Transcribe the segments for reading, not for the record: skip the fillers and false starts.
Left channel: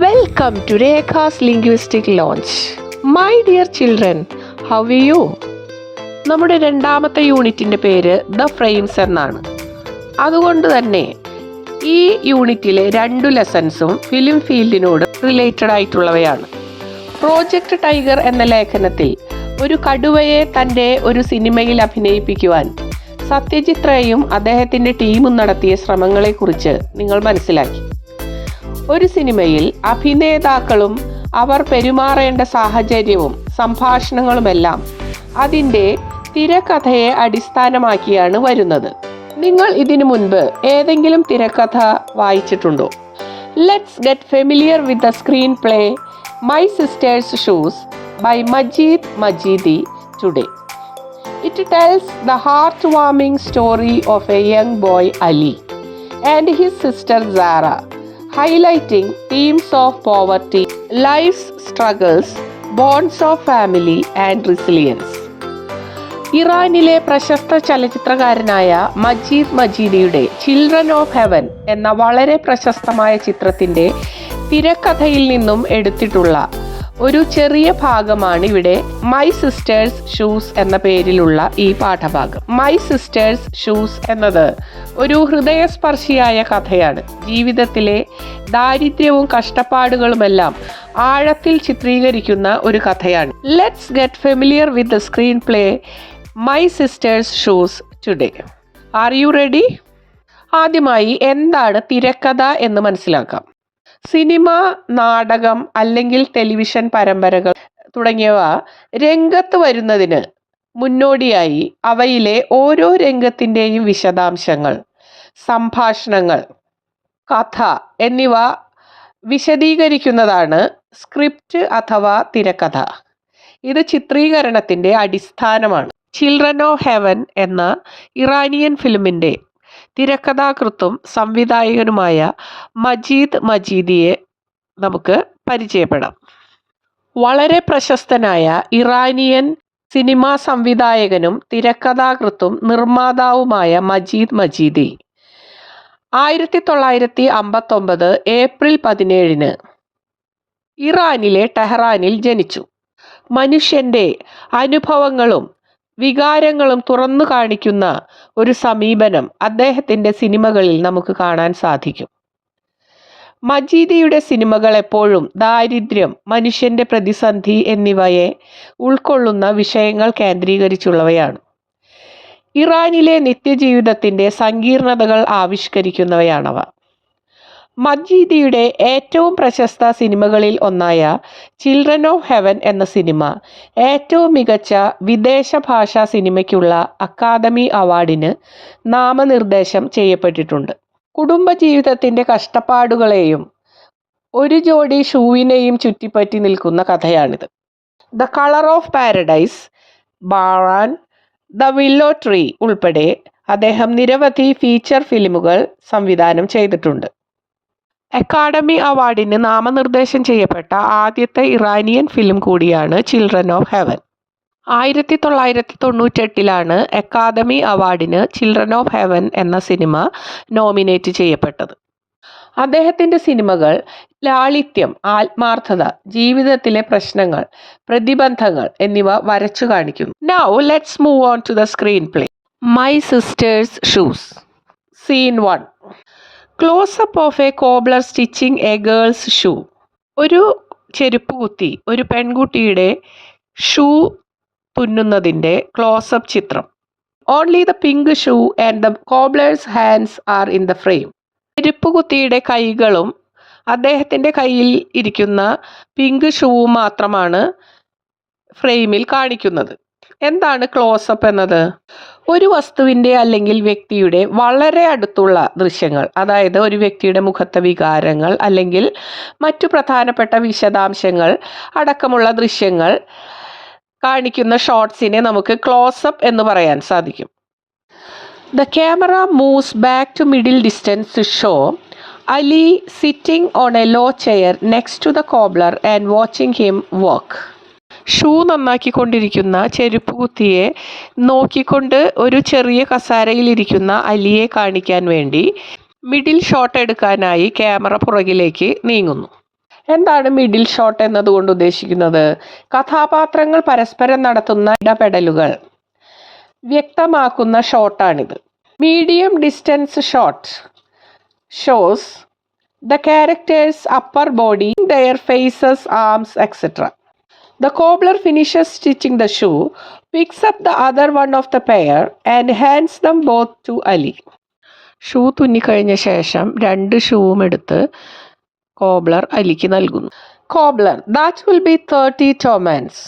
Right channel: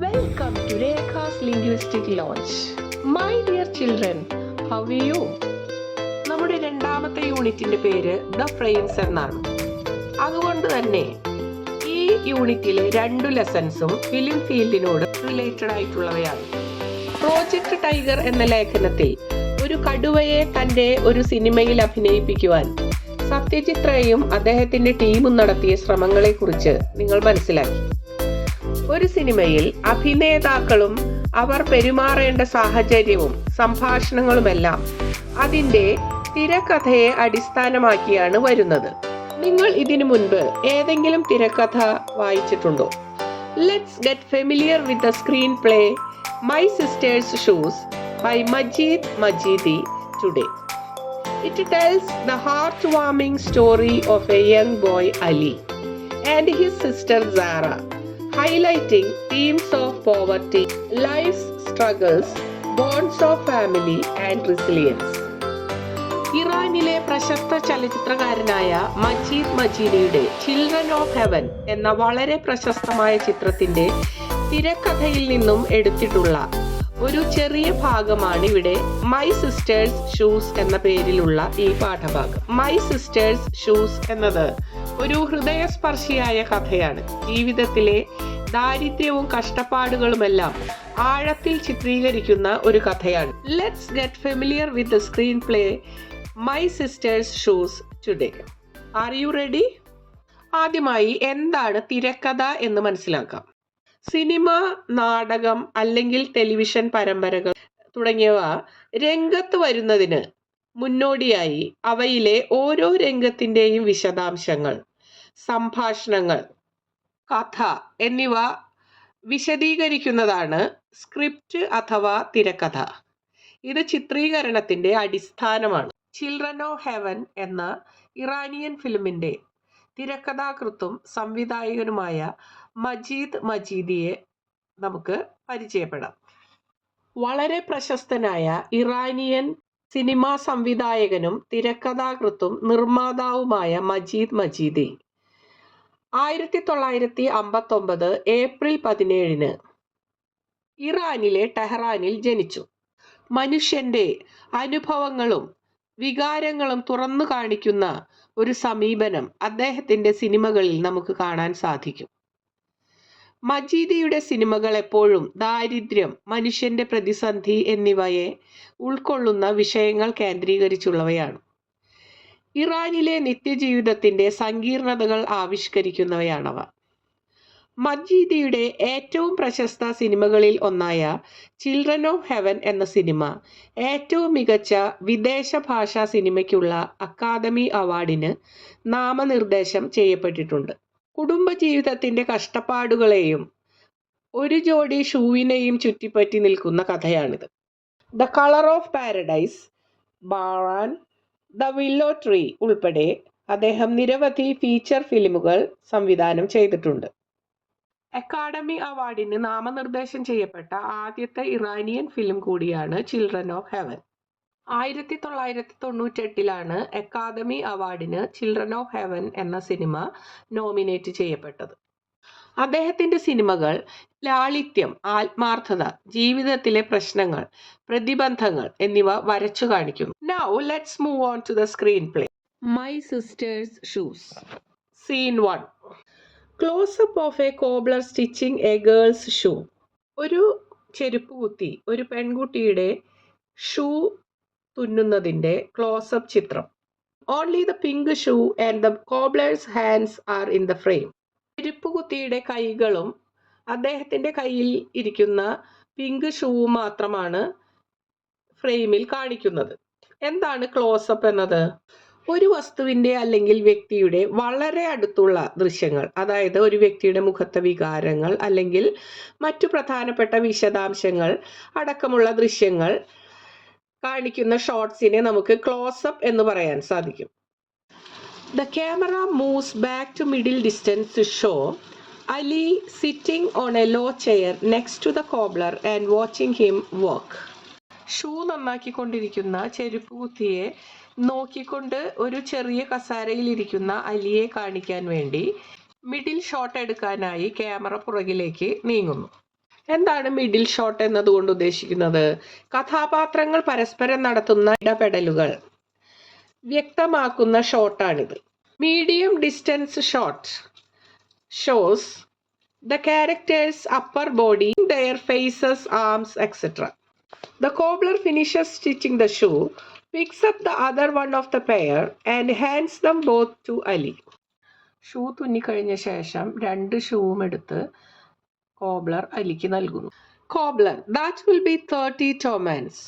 Welcome to Rekha's Linguistic Launch. My dear children, how are you? നമ്മുടെ രണ്ടാമത്തെ യൂണിറ്റിൻ്റെ പേര് ദ ഫ്രെയിംസ് എന്നാണ്. അതുകൊണ്ട് തന്നെ ഈ യൂണിറ്റിലെ 2 ലെസൺസും ഫിലിം ഫീൽഡിനോട് റിലേറ്റഡ് ആയിട്ടുള്ളവയാണ്. പ്രോജക്റ്റ് ടൈഗർ എന്ന ലേഖനത്തിൽ ഒരു കടുവയെ തൻ്റെ ഒരു സിനിമയിൽ അഭിനയിപ്പിക്കുവാൻ സത്യജിത് റേയും അദ്ദേഹത്തിൻ്റെ ടീമും നടത്തിയ ശ്രമങ്ങളെക്കുറിച്ച് നിങ്ങൾ മനസ്സിലാക്കി. ഒരു സിനിമയിൽ അഭിനേതാക്കളും അവർ പെരുമാറേണ്ട സാഹചര്യവും സംഭാഷണങ്ങളുമെല്ലാം അതിൻ്റെ തിരക്കഥയെ അടിസ്ഥാനമാക്കിയാണ് വരുന്നത്. നിങ്ങൾ ഇതിനു മുൻപ് ഏതെങ്കിലും തിരക്കഥ വായിച്ചിട്ടുണ്ടോ? Let's get familiar with the screen play my sister's shoes by Majid Majidi today. It tells the heart warming story of a young boy Ali and his sister Sara, highlighting themes of poverty, life's struggles, bonds of family and resilience. ഇറാനിലെ പ്രശസ്ത ചലച്ചിത്രകാരനായ Majeed മജീദിയുടെ children of heaven എന്ന വളരെ പ്രശസ്തമായ ചിത്രത്തിൻ്റെ തിരക്കഥയിൽ നിന്നും എടുത്തിട്ടുള്ള ഒരു ചെറിയ ഭാഗമാണ് ഇവിടെ മൈ സിസ്റ്റേഴ്സ് ഷൂസ് എന്ന പേരിലുള്ള ഈ പാഠഭാഗം. മൈ സിസ്റ്റേഴ്സ് ഷൂസ് എന്നത് ഒരു ഹൃദയസ്പർശിയായ കഥയാണ്. ജീവിതത്തിലെ ദാരിദ്ര്യവും കഷ്ടപ്പാടുകളുമെല്ലാം ആഴത്തിൽ ചിത്രീകരിക്കുന്ന ഒരു കഥയാണ്. Let's get familiar with the screen play my sister's shoes today. Are you ready? ആദ്യമായി എന്താണ് തിരക്കഥ എന്ന് മനസ്സിലാക്കാം. സിനിമ, നാടകം അല്ലെങ്കിൽ ടെലിവിഷൻ പരമ്പരകൾ തുടങ്ങിയവ രംഗത്ത് വരുന്നതിന് മുന്നോടിയായി അവയിലെ ഓരോ രംഗത്തിൻ്റെയും വിശദാംശങ്ങൾ, സംഭാഷണങ്ങൾ, കഥ എന്നിവ വിശദീകരിക്കുന്നതാണ് സ്ക്രിപ്റ്റ് അഥവാ തിരക്കഥ. ഇത് ചിത്രീകരണത്തിൻ്റെ അടിസ്ഥാനമാണ്. ചിൽഡ്രൻ ഓഫ് ഹെവൻ എന്ന ഇറാനിയൻ ഫിലിമിൻ്റെ തിരക്കഥാകൃത്തും സംവിധായകനുമായ മജീദ് മജീദിയെ നമുക്ക് പരിചയപ്പെടാം. വളരെ പ്രശസ്തനായ ഇറാനിയൻ സിനിമാ സംവിധായകനും തിരക്കഥാകൃത്തും നിർമ്മാതാവുമായ മജീദ് മജീദി 1959 ഏപ്രിൽ 17 ഇറാനിലെ ടെഹ്റാനിൽ ജനിച്ചു. മനുഷ്യൻ്റെ അനുഭവങ്ങളും വികാരങ്ങളും തുറന്നു കാണിക്കുന്ന ഒരു സമീപനം അദ്ദേഹത്തിൻ്റെ സിനിമകളിൽ നമുക്ക് കാണാൻ സാധിക്കും. മജീദിയുടെ സിനിമകൾ എപ്പോഴും ദാരിദ്ര്യം, മനുഷ്യൻ്റെ പ്രതിസന്ധി എന്നിവയെ ഉൾക്കൊള്ളുന്ന വിഷയങ്ങൾ കേന്ദ്രീകരിച്ചുള്ളവയാണ്. ഇറാനിലെ നിത്യജീവിതത്തിൻ്റെ സങ്കീർണതകൾ ആവിഷ്കരിക്കുന്നവയാണവ. മജീദിയുടെ ഏറ്റവും പ്രശസ്ത സിനിമകളിൽ ഒന്നായ ചിൽഡ്രൻ ഓഫ് ഹെവൻ എന്ന സിനിമ ഏറ്റവും മികച്ച വിദേശ ഭാഷാ സിനിമയ്ക്കുള്ള അക്കാദമി അവാർഡിന് നാമനിർദ്ദേശം ചെയ്യപ്പെട്ടിട്ടുണ്ട്. കുടുംബജീവിതത്തിൻ്റെ കഷ്ടപ്പാടുകളെയും ഒരു ജോഡി ഷൂവിനെയും ചുറ്റിപ്പറ്റി നിൽക്കുന്ന കഥയാണിത്. The colour of paradise, Baran, the willow tree ഉൾപ്പെടെ അദ്ദേഹം നിരവധി ഫീച്ചർ ഫിലിമുകൾ സംവിധാനം ചെയ്തിട്ടുണ്ട്. അക്കാഡമി അവാർഡിന് നാമനിർദ്ദേശം ചെയ്യപ്പെട്ട ആദ്യത്തെ ഇറാനിയൻ ഫിലിം കൂടിയാണ് ചിൽഡ്രൻ ഓഫ് ഹെവൻ. 1998 അക്കാദമി അവാർഡിന് ചിൽഡ്രൻ ഓഫ് ഹെവൻ എന്ന സിനിമ നോമിനേറ്റ് ചെയ്യപ്പെട്ടത്. അദ്ദേഹത്തിൻ്റെ സിനിമകൾ ലാളിത്യം, ആത്മാർത്ഥത, ജീവിതത്തിലെ പ്രശ്നങ്ങൾ, പ്രതിബന്ധങ്ങൾ എന്നിവ വരച്ചു കാണിക്കുന്നു. Now let's move on to the screen play. My sister's shoes. Scene 1. Close-up of a cobbler stitching a girl's shoe. ഒരു ചെരുപ്പ് കുത്തി ഒരു പെൺകുട്ടിയുടെ ഷൂ തുന്നുന്നതിൻ്റെ ക്ലോസപ്പ് ചിത്രം. Only the pink shoe and the cobbler's hands are in the frame. ചെരുപ്പ് കുത്തിയുടെ കൈകളും അദ്ദേഹത്തിൻ്റെ കയ്യിൽ ഇരിക്കുന്ന പിങ്ക് ഷൂവും മാത്രമാണ് ഫ്രെയിമിൽ കാണിക്കുന്നത്. എന്താണ് ക്ലോസപ്പ് എന്നത്? ഒരു വസ്തുവിൻ്റെ അല്ലെങ്കിൽ വ്യക്തിയുടെ വളരെ അടുത്തുള്ള ദൃശ്യങ്ങൾ, അതായത് ഒരു വ്യക്തിയുടെ മുഖത്തെ വികാരങ്ങൾ അല്ലെങ്കിൽ മറ്റു പ്രധാനപ്പെട്ട വിശദാംശങ്ങൾ അടക്കമുള്ള ദൃശ്യങ്ങൾ കാണിക്കുന്ന ഷോട്ട്സിനെ നമുക്ക് ക്ലോസപ്പ് എന്ന് പറയാൻ സാധിക്കും. The camera moves back to middle distance to show Ali sitting on a low chair next to the cobbler and watching him work. Shoe നന്നാക്കിക്കൊണ്ടിരിക്കുന്ന ചെരുപ്പ് കുത്തിയെ നോക്കിക്കൊണ്ട് ഒരു ചെറിയ കസാരയിലിരിക്കുന്ന അലിയെ കാണിക്കാൻ വേണ്ടി മിഡിൽ ഷോട്ട് എടുക്കാനായി ക്യാമറ പുറകിലേക്ക് നീങ്ങുന്നു. എന്താണ് മിഡിൽ ഷോട്ട് എന്നതുകൊണ്ട് ഉദ്ദേശിക്കുന്നത്? കഥാപാത്രങ്ങൾ പരസ്പരം നടത്തുന്ന ഇടപെടലുകൾ വ്യക്തമാക്കുന്ന ഷോട്ടാണിത്. Medium distance shot shows the characters' upper body, their faces, arms, etc. The cobbler finishes stitching the shoe, picks up the other one of the pair and hands them both to Ali. Shoe തുന്നിക്കഴിഞ്ഞ ശേഷം 2 ഷൂവും എടുത്ത് cobbler അലിക്ക് നൽകുന്നു. Cobbler, that will be 30 tomans.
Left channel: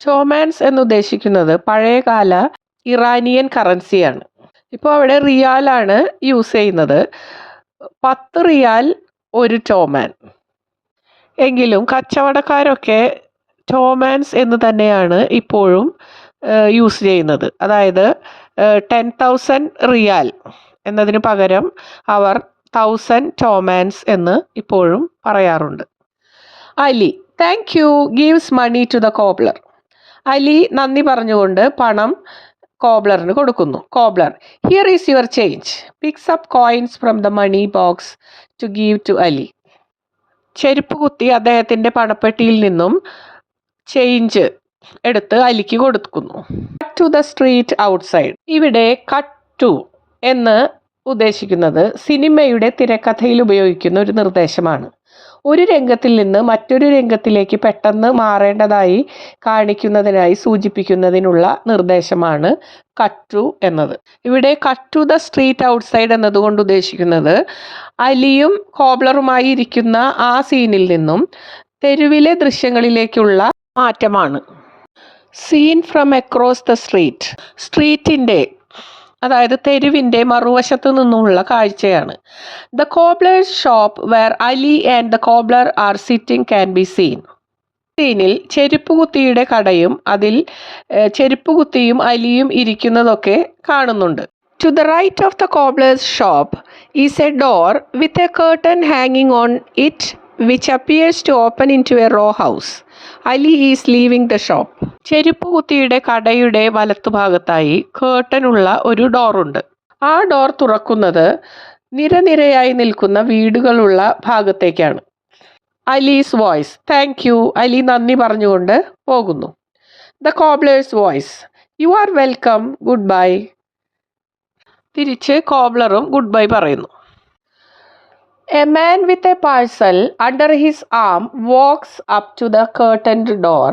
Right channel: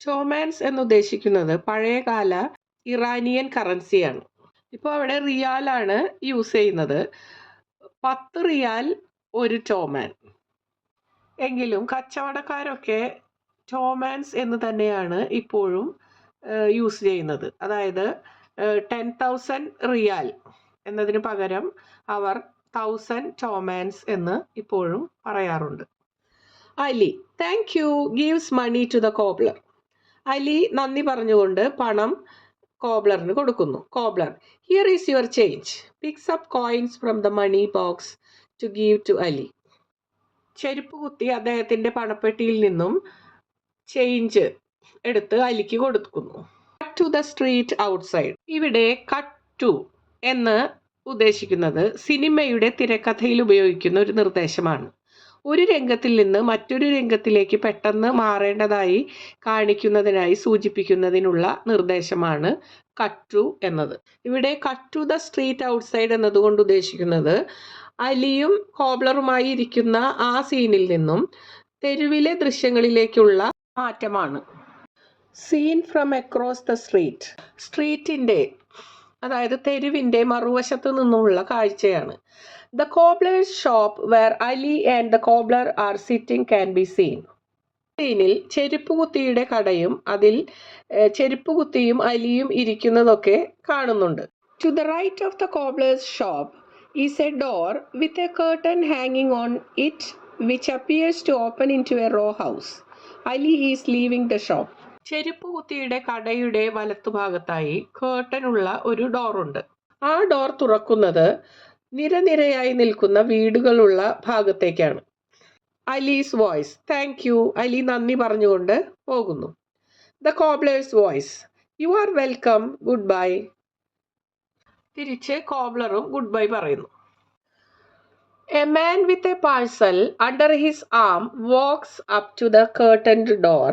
Tomans എന്നുദ്ദേശിക്കുന്നത് പഴയകാല Iranian കറൻസിയാണ്. ഇപ്പോൾ അവിടെ റിയാലാണ് യൂസ് ചെയ്യുന്നത്. 10 റിയാൽ 1 ടോമാൻ. എങ്കിലും കച്ചവടക്കാരൊക്കെ ടോമാൻസ് എന്ന് തന്നെയാണ് ഇപ്പോഴും യൂസ് ചെയ്യുന്നത്. അതായത് 10,000 റിയാൽ എന്നതിന് പകരം അവർ 1000 ടോമാൻസ് എന്ന് ഇപ്പോഴും പറയാറുണ്ട്. Ali, thank you, gives money to the cobbler. Ali നന്ദി പറഞ്ഞുകൊണ്ട് പണം കോബ്ലറിന് കൊടുക്കുന്നു. Cobbler, here is your change, picks up coins from the money box to give to Ali. ചെരുപ്പ് കുത്തി അദ്ദേഹത്തിൻ്റെ പണപ്പെട്ടിയിൽ നിന്നും ചേഞ്ച് എടുത്ത് അലിക്ക് കൊടുക്കുന്നു. Cut to the street outside. ഇവിടെ കട്ട് ടു എന്ന് ഉദ്ദേശിക്കുന്നത് സിനിമയുടെ തിരക്കഥയിൽ ഉപയോഗിക്കുന്ന ഒരു നിർദ്ദേശമാണ്. ഒരു രംഗത്തിൽ നിന്ന് മറ്റൊരു രംഗത്തിലേക്ക് പെട്ടെന്ന് മാറേണ്ടതായി കാണിക്കുന്നതിനായി സൂചിപ്പിക്കുന്നതിനുള്ള നിർദ്ദേശമാണ് കട്ട് ടു എന്നത്. ഇവിടെ cut to the street outside എന്നതുകൊണ്ട് ഉദ്ദേശിക്കുന്നത് അലിയും കോബ്ലറുമായി ഇരിക്കുന്ന ആ സീനിൽ നിന്നും തെരുവിലെ ദൃശ്യങ്ങളിലേക്കുള്ള മാറ്റമാണ്. Scene from across the street. സ്ട്രീറ്റിൻ്റെ, അതായത് തെരുവിൻ്റെ മറുവശത്തു നിന്നുമുള്ള കാഴ്ചയാണ്. The cobbler's shop where Ali and the cobbler are sitting can be seen. സീനിൽ ചെരുപ്പുകുത്തിയുടെ കടയും അതിൽ ചെരുപ്പുകുത്തിയും അലിയും ഇരിക്കുന്നതൊക്കെ കാണുന്നുണ്ട്. To the right of the cobbler's shop is a door with a curtain ഹാങ്ങിങ് on it which appears to open into a row house. Ali is leaving the shop. ചെരുപ്പുകുത്തിയുടെ കടയുടെ വലത്തുഭാഗത്തായി കേർട്ടനുള്ള ഒരു ഡോറുണ്ട്. ആ ഡോർ തുറക്കുന്നത് നിരനിരയായി നിൽക്കുന്ന വീടുകളുള്ള ഭാഗത്തേക്കാണ്. Ali's voice, thank you. Ali നന്ദി പറഞ്ഞുകൊണ്ട് പോകുന്നു. The cobblers voice, you are welcome, good bye. തിരിച്ച് കോബ്ലറും ഗുഡ് ബൈ പറയുന്നു. A man with a parcel under his arm walks up to the curtained door,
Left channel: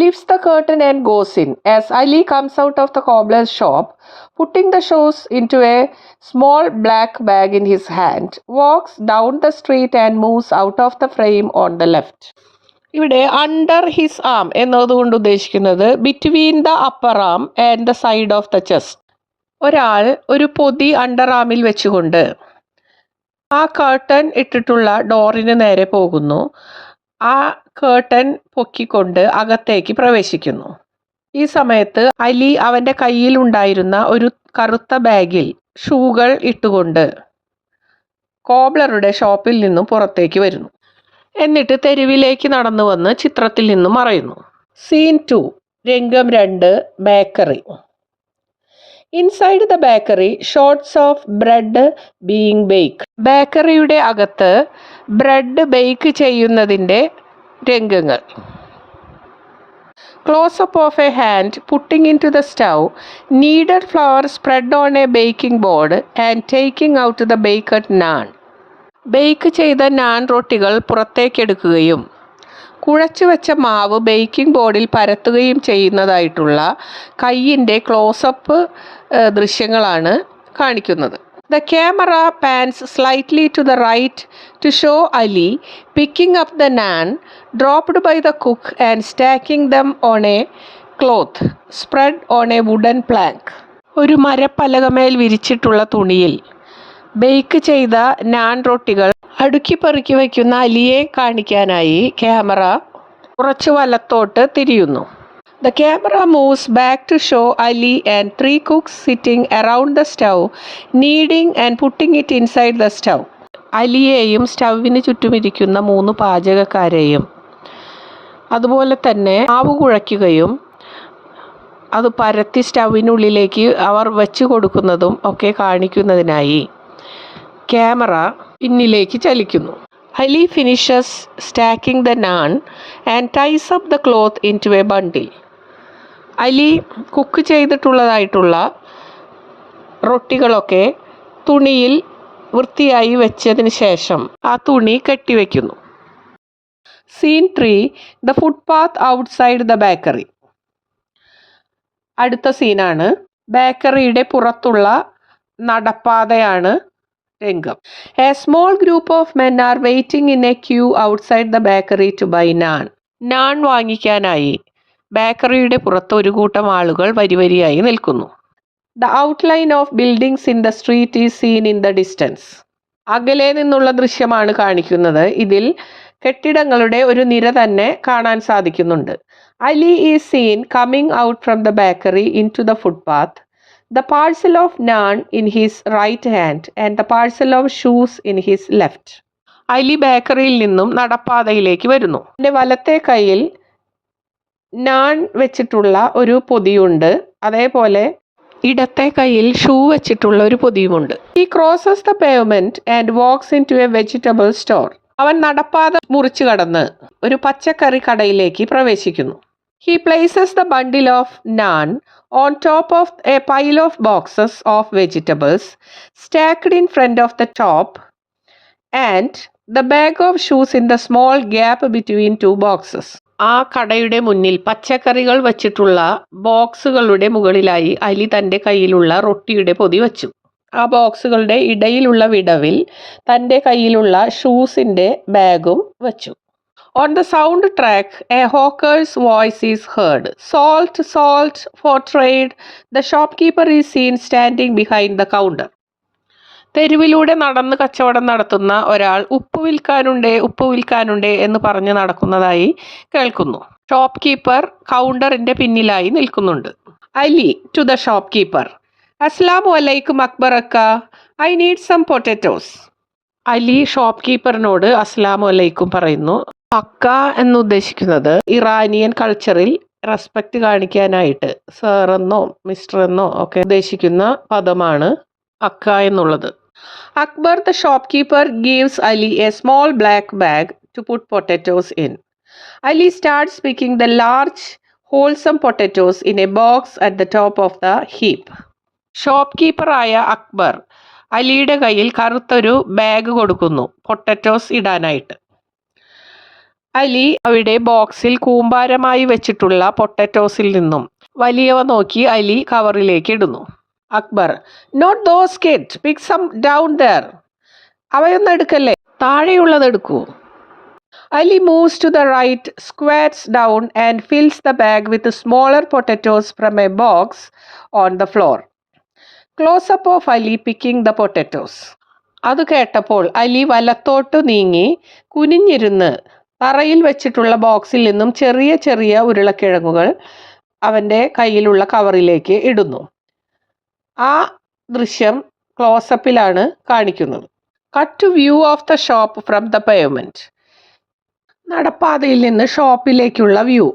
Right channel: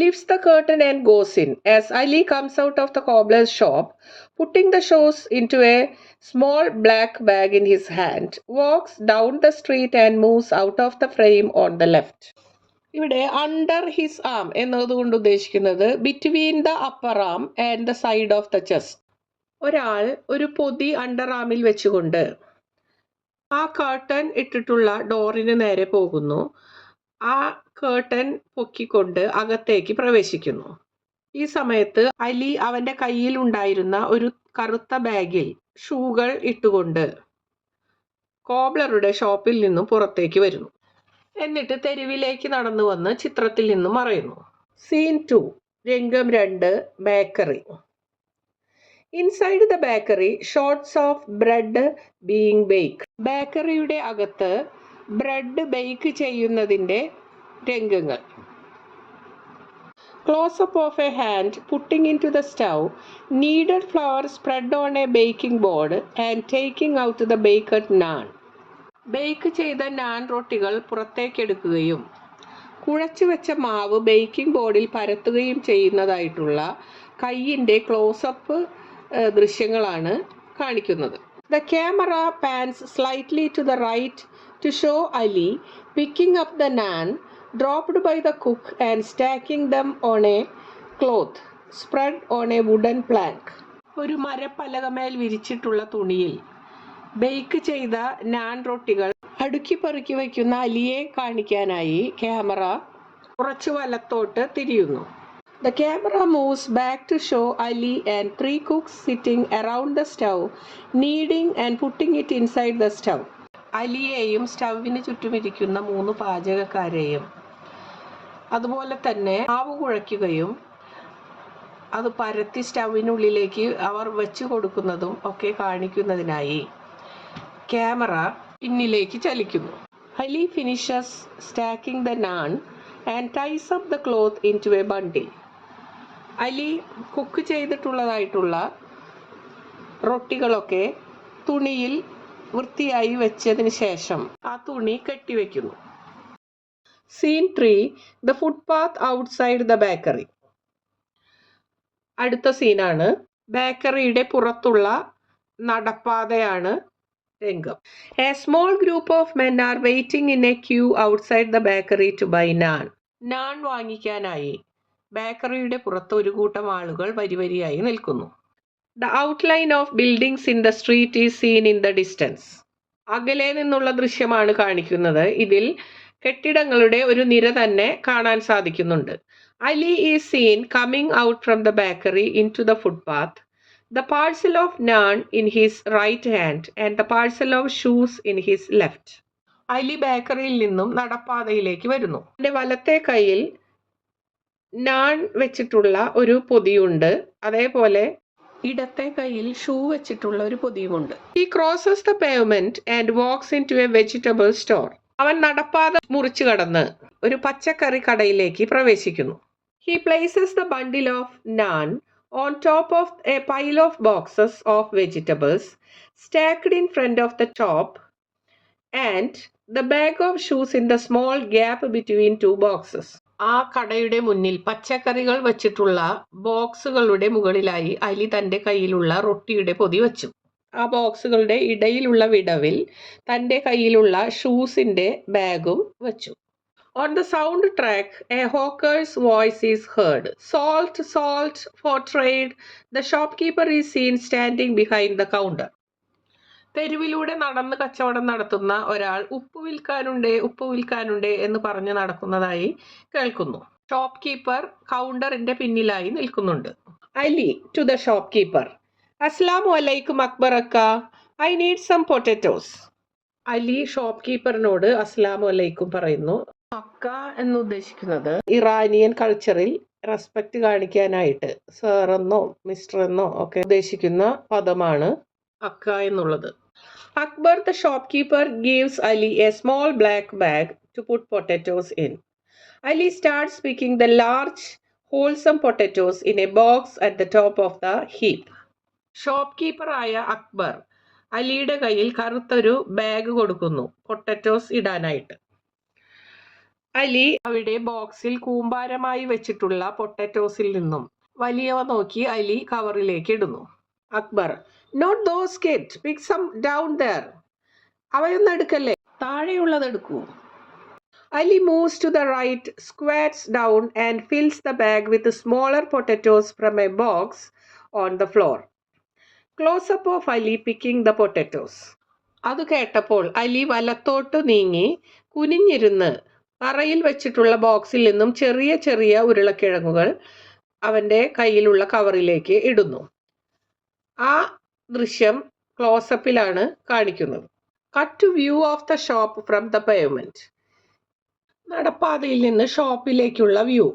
lifts the curtain and goes in. As Ali comes out of the cobbler's shop, putting the shoes into a small black bag in his hand, walks down the street and moves out of the frame on the left. ഇവിടെ under his ആം എന്നതുകൊണ്ട് ഉദ്ദേശിക്കുന്നത് between the upper am and the side of the chest. ഒരാൾ ഒരു പൊതി under ആമിൽ വെച്ചുകൊണ്ട് ആ curtain ഇട്ടിട്ടുള്ള ഡോറിന് നേരെ പോകുന്നു. ആ കേർട്ടൻ പൊക്കിക്കൊണ്ട് അകത്തേക്ക് പ്രവേശിക്കുന്നു. ഈ സമയത്ത് അലി അവൻ്റെ കയ്യിലുണ്ടായിരുന്ന ഒരു കറുത്ത ബാഗിൽ ഷൂകൾ ഇട്ടുകൊണ്ട് കോബ്ലറുടെ ഷോപ്പിൽ നിന്നും പുറത്തേക്ക് വരുന്നു. എന്നിട്ട് തെരുവിലേക്ക് നടന്നു വന്ന് ചിത്രത്തിൽ നിന്നും മറയുന്നു. സീൻ 2, രംഗം 2, bakery. Inside the bakery shots of bread being bake. ബേക്കറിയുടെ അകത്ത് ബ്രെഡ് ബേക്ക് ചെയ്യുന്നതിൻ്റെ രംഗങ്ങൾ. Close up of a hand putting into the stove kneaded flour spread on a baking board and taking out the baked naan. Bake ചെയ്ത നാൻ റൊട്ടികൾ പുറത്തേക്കെടുക്കുകയും കുഴച്ചു വെച്ച മാവ് baking ബോർഡിൽ പരത്തുകയും ചെയ്യുന്നതായിട്ടുള്ള കയ്യിൻ്റെ close-up ദൃശ്യങ്ങളാണ് കാണിക്കുന്നത്. The camera pans slightly to the right to show Ali picking up the naan dropped by the cook and stacking them on a cloth spread on a wooden plank. ഒരു മരപ്പലകമേൽ വിരിച്ചിട്ടുള്ള തുണിയിൽ bake ചെയ്ത നാൻ റൊട്ടികൾ അടുക്കി പെറുക്കി വയ്ക്കുന്ന അലിയെ കാണിക്കാനായി ക്യാമറ കുറച്ച് വലത്തോട്ട് തിരിയുന്നു. The camera moves back to show Ali and 3 cooks sitting around the stove, kneading and putting it inside the stove. അലിയെയും സ്റ്റൗവിന് ചുറ്റുമിരിക്കുന്ന 3 പാചകക്കാരെയും അതുപോലെ തന്നെ മാവ് കുഴയ്ക്കുകയും അത് പരത്തി സ്റ്റൗവിനുള്ളിലേക്ക് അവർ വെച്ച് കൊടുക്കുന്നതും ഒക്കെ കാണിക്കുന്നതിനായി ക്യാമറ പിന്നിലേക്ക് ചലിക്കുന്നു. Ali finishes stacking the naan and ties up the cloth into a bundle. Ali cook ചെയ്തിട്ടുള്ളതായിട്ടുള്ള റൊട്ടികളൊക്കെ തുണിയിൽ വൃത്തിയായി വെച്ചതിന് ശേഷം ആ തുണി കെട്ടിവെക്കുന്നു. Scene 3, the footpath outside the bakery. അടുത്ത സീനാണ് ബേക്കറിയുടെ പുറത്തുള്ള നടപ്പാതയാണ് രംഗം. A small group of men are waiting in a queue outside the bakery to buy naan. Naan വാങ്ങിക്കാനായി ബേക്കറിയുടെ പുറത്ത് ഒരു കൂട്ടം ആളുകൾ വരിവരിയായി നിൽക്കുന്നു. The outline of buildings in the street is seen in the distance. അകലെ നിന്നുള്ള ദൃശ്യമാണ് കാണിക്കുന്നത്. ഇതിൽ കെട്ടിടങ്ങളുടെ ഒരു നിര തന്നെ കാണാൻ സാധിക്കുന്നുണ്ട്. Ali is seen coming out from the bakery into the footpath, the parcel of naan in his right hand and the parcel of shoes in his left. Ali ബേക്കറിയിൽ നിന്നും നടപ്പാതയിലേക്ക് വരുന്നു. എൻ്റെ വലത്തെ കൈയിൽ നാൻ വെച്ചിട്ടുള്ള ഒരു പൊതിയുണ്ട്, അതേപോലെ ഇടത്തെ കൈയിൽ ഷൂ വെച്ചിട്ടുള്ള ഒരു പൊതിയുമുണ്ട്. He crosses the pavement and walks into a vegetable store. അവൻ നടപ്പാത മുറിച്ചു കടന്ന് ഒരു പച്ചക്കറി കടയിലേക്ക് പ്രവേശിക്കുന്നു. He places the bundle of naan on top of a pile of boxes of vegetables stacked in front of the top and the bag of shoes in the small gap between two boxes. ആ കടയുടെ മുന്നിൽ പച്ചക്കറികൾ വച്ചിട്ടുള്ള ബോക്സുകളുടെ മുകളിലായി അലി തൻ്റെ കയ്യിലുള്ള റൊട്ടിയുടെ പൊതി വച്ചു. ആ ബോക്സുകളുടെ ഇടയിലുള്ള വിടവിൽ തൻ്റെ കയ്യിലുള്ള ഷൂസിൻ്റെ ബാഗും വച്ചു. On the sound track, a hawker's voice is heard. Salt, salt for trade. The shopkeeper is seen standing behind the counter. തെരുവിലൂടെ നടന്ന് കച്ചവടം നടത്തുന്ന ഒരാൾ ഉപ്പ് വിൽക്കാനുണ്ടേ എന്ന് പറഞ്ഞ് നടക്കുന്നതായി കേൾക്കുന്നു. ഷോപ്പ് കീപ്പർ കൗണ്ടറിൻ്റെ പിന്നിലായി നിൽക്കുന്നുണ്ട്. Ali to the shop keeper. അസ്സലാമു അലൈക്കും അക്ബറക്ക, I need some potatoes. Ali shop കീപ്പറിനോട് അസ്സലാമു അലൈക്കും പറയുന്നു. അക്ക എന്നുദ്ദേശിക്കുന്നത് ഇറാനിയൻ കൾച്ചറിൽ റെസ്പെക്റ്റ് കാണിക്കാനായിട്ട് സർ എന്നോ മിസ്റ്റർ എന്നോ ഒക്കെ ഉദ്ദേശിക്കുന്ന പദമാണ് അക്ക എന്നുള്ളത്. Akbar the shop keeper gives Ali a small black bag to put potatoes in. Ali starts picking the large wholesome potatoes in a box at the top of the heap. Shop കീപ്പറായ അക്ബർ അലിയുടെ കയ്യിൽ കറുത്തൊരു bag കൊടുക്കുന്നു potatoes ഇടാനായിട്ട്. അലി അവിടെ ബോക്സിൽ കൂമ്പാരമായി വെച്ചിട്ടുള്ള പൊട്ടറ്റോസിൽ നിന്നും വലിയവ നോക്കി അലി കവറിലേക്ക് ഇടുന്നു. Akbar, not those kid, pick some down there. അവയൊന്നും എടുക്കല്ലേ, താഴെയുള്ളത് എടുക്കൂ. Ali moves to the right, squats down and fills the bag with smaller potatoes from a box on the floor. Close-up of Ali picking the potatoes. അത് കേട്ടപ്പോൾ അലി വലത്തോട്ട് നീങ്ങി കുനിഞ്ഞിരുന്ന് തറയിൽ വെച്ചിട്ടുള്ള ബോക്സിൽ നിന്നും ചെറിയ ചെറിയ ഉരുളക്കിഴങ്ങുകൾ അവൻ്റെ കയ്യിലുള്ള കവറിലേക്ക് ഇടുന്നു. ആ ദൃശ്യം ക്ലോസപ്പിലാണ് കാണിക്കുന്നത്. Cut to view of the shop from the pavement. നടപ്പാതയിൽ നിന്ന് ഷോപ്പിലേക്കുള്ള view.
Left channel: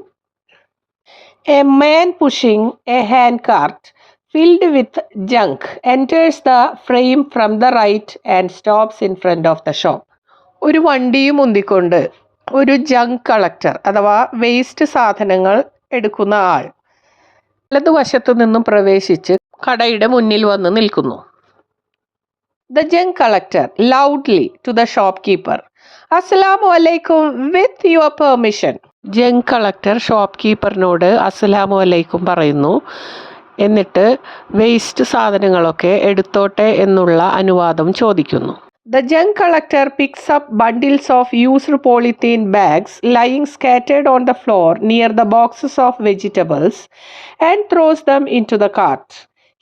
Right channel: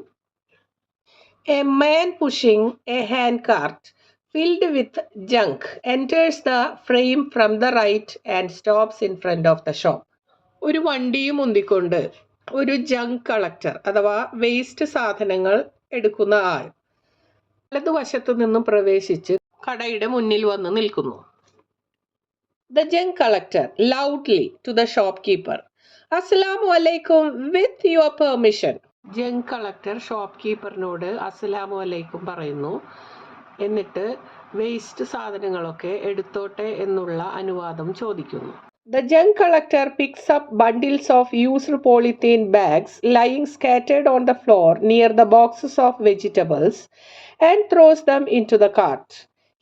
A man pushing a hand cart filled with junk enters the frame from the right and stops in front of the shop. ഒരു വണ്ടിയും ഉന്തിക്കൊണ്ട് ഒരു junk collector അഥവാ waste സാധനങ്ങൾ എടുക്കുന്ന ആൾ വലതുവശത്തു നിന്നും പ്രവേശിച്ച് കടയുടെ മുന്നിൽ വന്ന് നിൽക്കുന്നു. The junk collector loudly to the shop keeper. അസ്സലാമു അലൈക്കും, with your permission. Junk collector shop കീപ്പറിനോട് അസ്സലാമു അലൈക്കും പറയുന്നു. എന്നിട്ട് വേസ്റ്റ് സാധനങ്ങളൊക്കെ എടുത്തോട്ടെ എന്നുള്ള അനുവാദം ചോദിക്കുന്നു. The junk collector picks up bundles of used polythene bags lying scattered on the floor near the boxes of vegetables and throws them into the cart.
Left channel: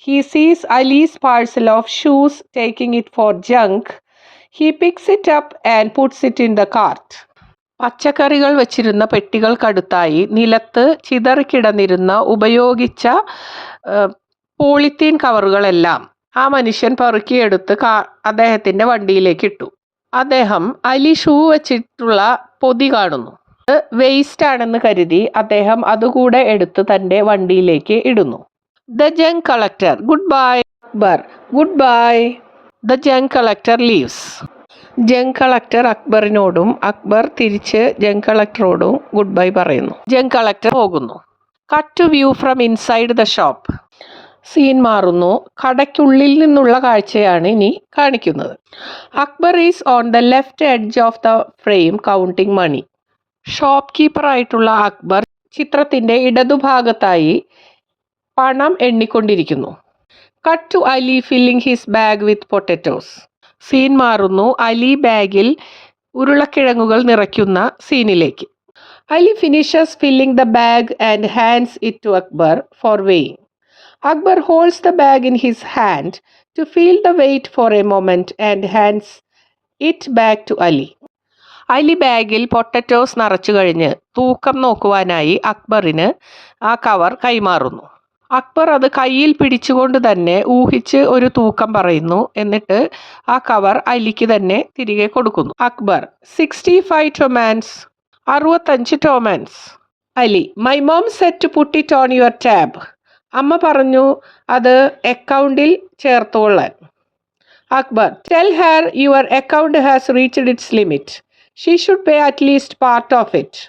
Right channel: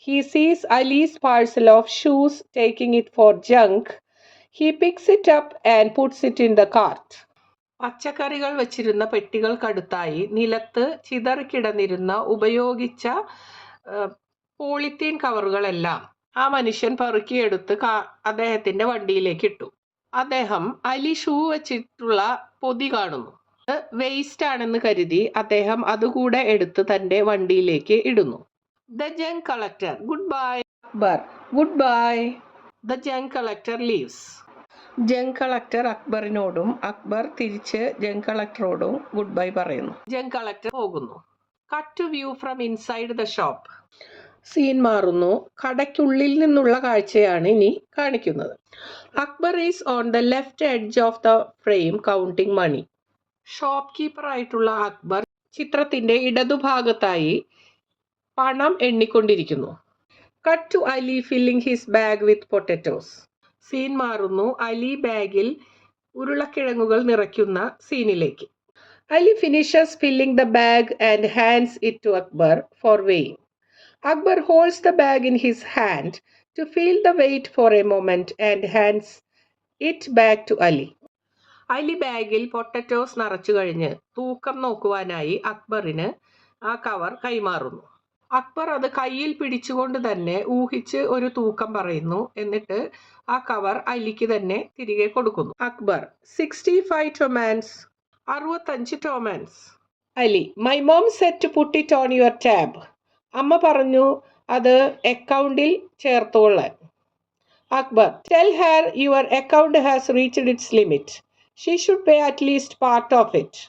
He sees Ali's parcel of shoes, taking it for junk. He picks it up and puts it in the cart. പച്ചക്കറികൾ വെച്ചിരുന്ന പെട്ടികൾക്കടുത്തായി നിലത്ത് ചിതറിക്കിടന്നിരുന്ന ഉപയോഗിച്ച polythene കവറുകളെല്ലാം ആ മനുഷ്യൻ പെറുക്കിയെടുത്ത് അദ്ദേഹത്തിൻ്റെ വണ്ടിയിലേക്ക് ഇട്ടു. അദ്ദേഹം അലി ഷൂ വെച്ചിട്ടുള്ള പൊതി കാണുന്നു. വേസ്റ്റ് ആണെന്ന് കരുതി അദ്ദേഹം അതുകൂടെ എടുത്ത് തൻ്റെ വണ്ടിയിലേക്ക് ഇടുന്നു. The junk collector, goodbye. Akbar, goodbye. The junk collector leaves. Junk collector അക്ബറിനോടും അക്ബർ തിരിച്ച് ജങ് കളക്ടറോടും ഗുഡ് ബൈ പറയുന്നു. ജങ് കളക്ടർ പോകുന്നു. Cut to view from inside the shop. Scene മാറുന്നു. കടയ്ക്കുള്ളിൽ നിന്നുള്ള കാഴ്ചയാണ് ഇനി കാണിക്കുന്നത്. Akbar is on the left edge of the frame counting money. Shop കീപ്പറായിട്ടുള്ള അക്ബർ ചിത്രത്തിൻ്റെ ഇടതുഭാഗത്തായി പണം എണ്ണിക്കൊണ്ടിരിക്കുന്നു. Cut to Ali filling his bag with potatoes. Scene മാറുന്നു. അലി ബാഗിൽ ഉരുളക്കിഴങ്ങുകൾ നിറയ്ക്കുന്ന സീനിലേക്ക്. Ali finishes filling the bag and hands it to Akbar for weighing. Akbar holds the bag in his hand to feel the weight for a moment and hands it back to Ali. Ali ബാഗിൽ potatoes നിറച്ചു കഴിഞ്ഞ് തൂക്കം നോക്കുവാനായി അക്ബറിന് ആ cover കൈമാറുന്നു. അക്ബർ അത് കയ്യിൽ പിടിച്ചുകൊണ്ട് തന്നെ ഊഹിച്ച് ഒരു തൂക്കം പറയുന്നു. എന്നിട്ട് ആ കവർ അലിക്ക് തന്നെ തിരികെ കൊടുക്കുന്നു. Akbar 65 tomans. 65 tomans. Ali my mom said to put it on your tab. അമ്മ പറഞ്ഞു അത് അക്കൗണ്ടിൽ ചേർത്തോളാൻ. Akbar tell her your account has reached its limit. She should pay at least part of it.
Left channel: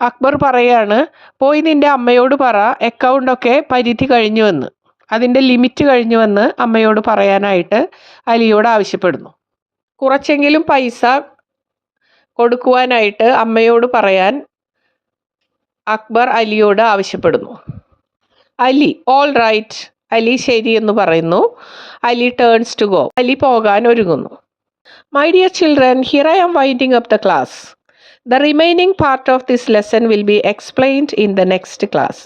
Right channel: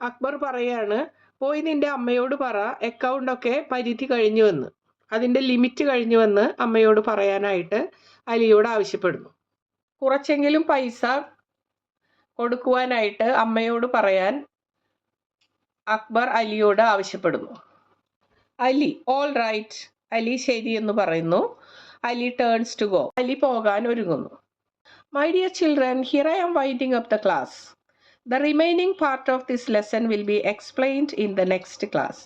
Akbar പറയാണ്, പോയി നിൻ്റെ അമ്മയോട് പറ അക്കൗണ്ടൊക്കെ പരിധി കഴിഞ്ഞുവെന്ന്, അതിൻ്റെ ലിമിറ്റ് കഴിഞ്ഞുവെന്ന് അമ്മയോട് പറയാനായിട്ട് അലിയോട് ആവശ്യപ്പെടുന്നു. കുറച്ചെങ്കിലും പൈസ കൊടുക്കുവാനായിട്ട് അമ്മയോട് പറയാൻ അക്ബർ അലിയോട് ആവശ്യപ്പെടുന്നു. Ali all right. അലി ശരി എന്ന് പറയുന്നു. Ali turns to go. Ali പോകാൻ ഒരുങ്ങുന്നു. My dear children, here I am winding up the class. The remaining part of this lesson will be explained in the next class.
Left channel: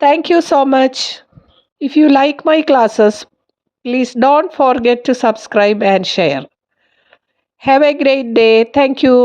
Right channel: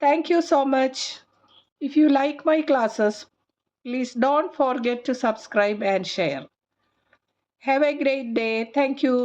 Thank you so much. If you like my classes, please don't forget to subscribe and share. Have a great day. Thank you.